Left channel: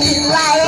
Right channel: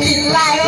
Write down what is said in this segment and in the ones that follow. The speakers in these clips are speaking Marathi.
life.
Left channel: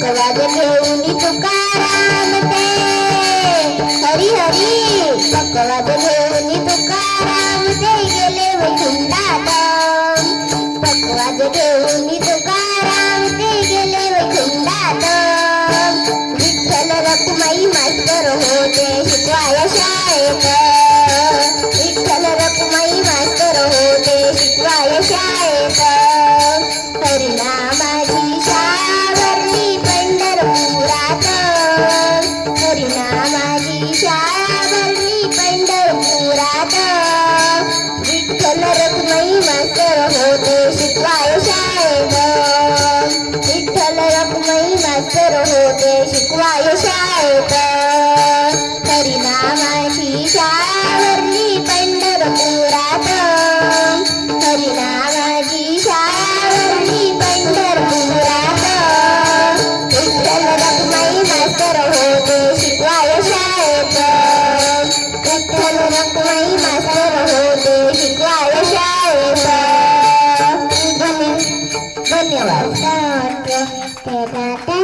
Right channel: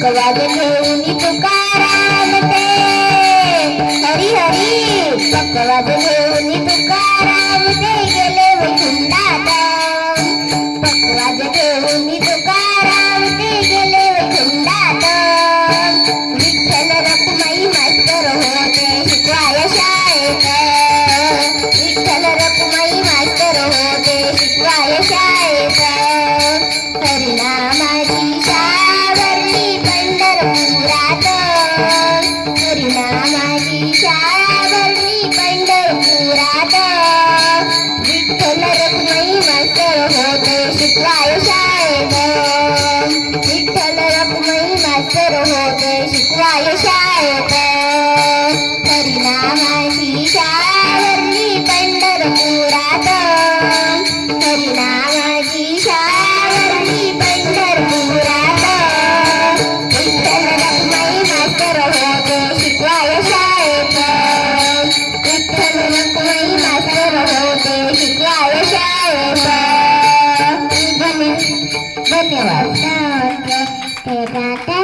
पकवाज घेऊन तुकाराम ते. हरी हरी पकवाज घेऊन तुकाराम रखुमाई होते शिकवाय शाळेत विठ्ठल रखुमाई मास्तर होते शिकवाय शाळेत हरिनामाची शाळा पंढरपुरात हरिनामाची शाळा पंढरपुरात विठ्ठल रखुमाई मास्तर होते शिकवाय शाळेत. विठ्ठल रखुमाई मास्तर होते. は歌を歌って